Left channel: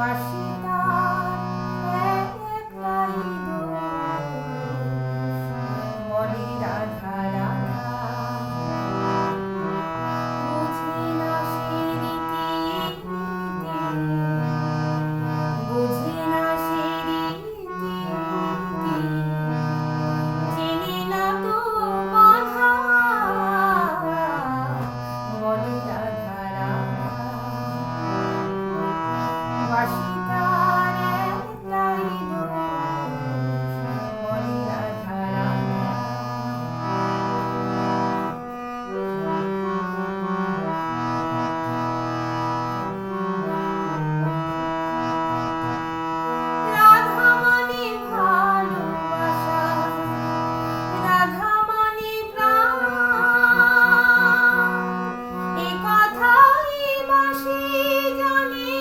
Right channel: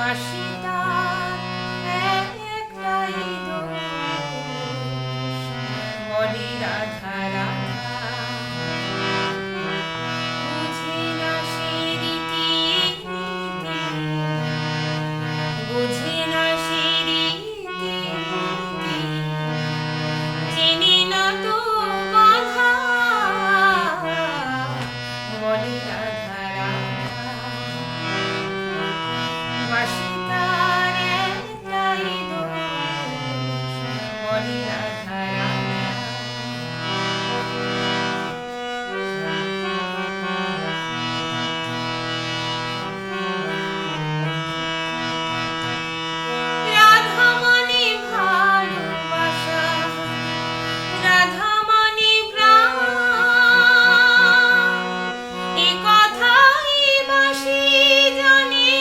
বাসিতার একটাই দোষ, বলে রাধা রাধা। বুঝে না সে রীতি নীতি, বুঝে না সে রীতি নীতি, চেনে না তো বাধা, বলে রাধা রাধা। বাসিতার একটাই দোষ, বলে রাধা রাধা। রাধা মানে ভালোবাসা, রাধা মানে প্রাণ, এ কথাই বাসি জানে,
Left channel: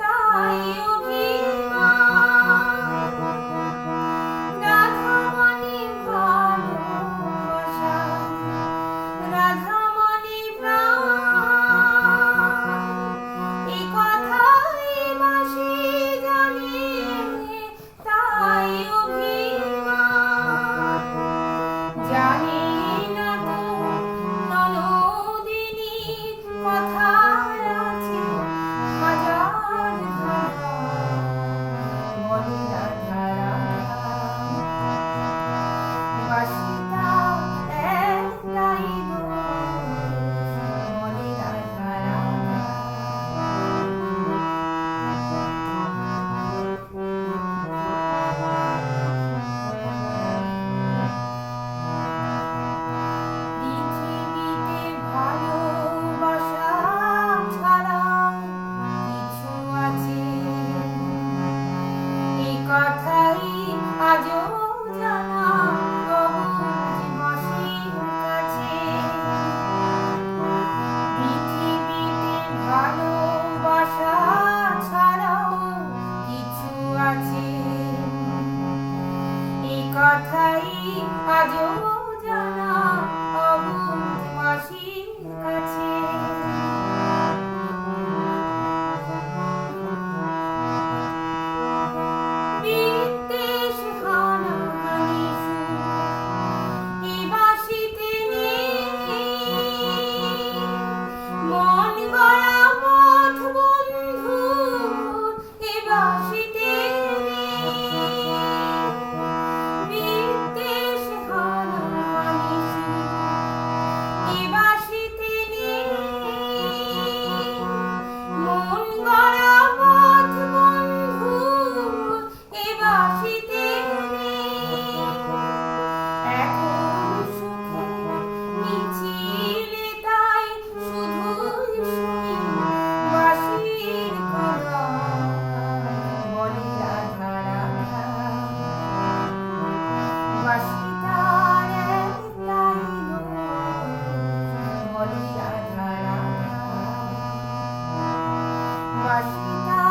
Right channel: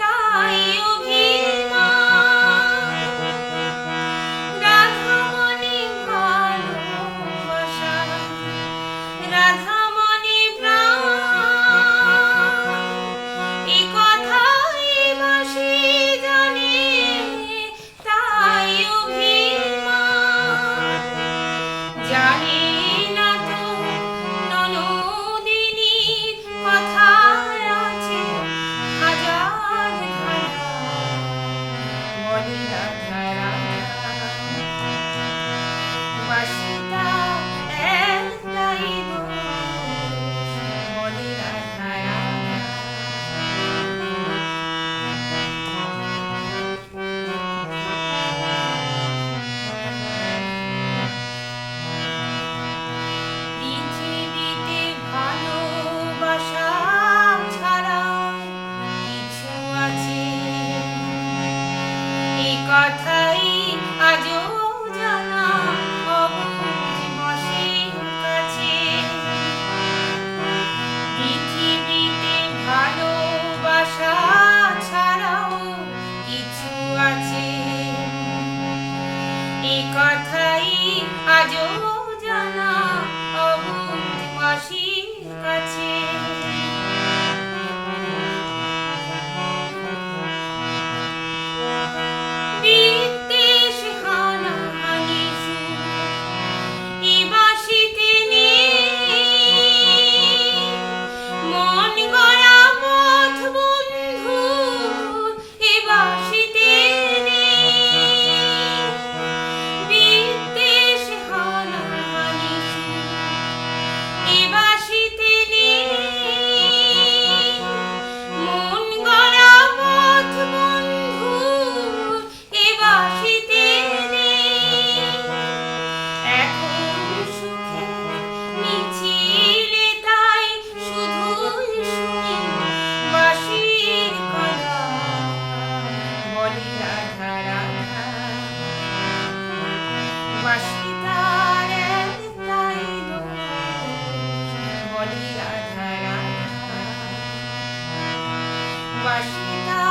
তাই অভিমান। রাধা মানে ভালোবাসা, রাধা মানে প্রাণ, এ কথাই বাসি জানে, তাই অভিমান। জানে না তো ননদিনীর কথায় আছে হাজার ধারা, বলে রাধা রাধা। বাসিতার একটাই দোষ, বলে রাধা রাধা। পৃথিবীতে ভালোবাসা ছাড়া কিছু আছে, এ কথাই আজও জানা অবুঝ মাসির কাছে। পৃথিবীতে ভালোবাসা ছাড়াও কিছু আছে, এ কথাই আজও জানা অবুঝ মাসির কাছে। বিদ্বেষ হানাহানি সুর এ বাঁশিতে নেই, মন গড়া পথ বন্ধু এ বাঁশিতে নেই। বিদ্বেষ হানাহানি সুর এ বাঁশিতে নেই, মন গড়া পথ বন্ধু এ বাঁশিতে নেই। এখন সুখের মিছিলে তাই শুধুই শুনি বাঁশির কড়া, বলে রাধা রাধা। বাসিতার একটাই দোষ, বলে রাধা রাধা। বাসিতার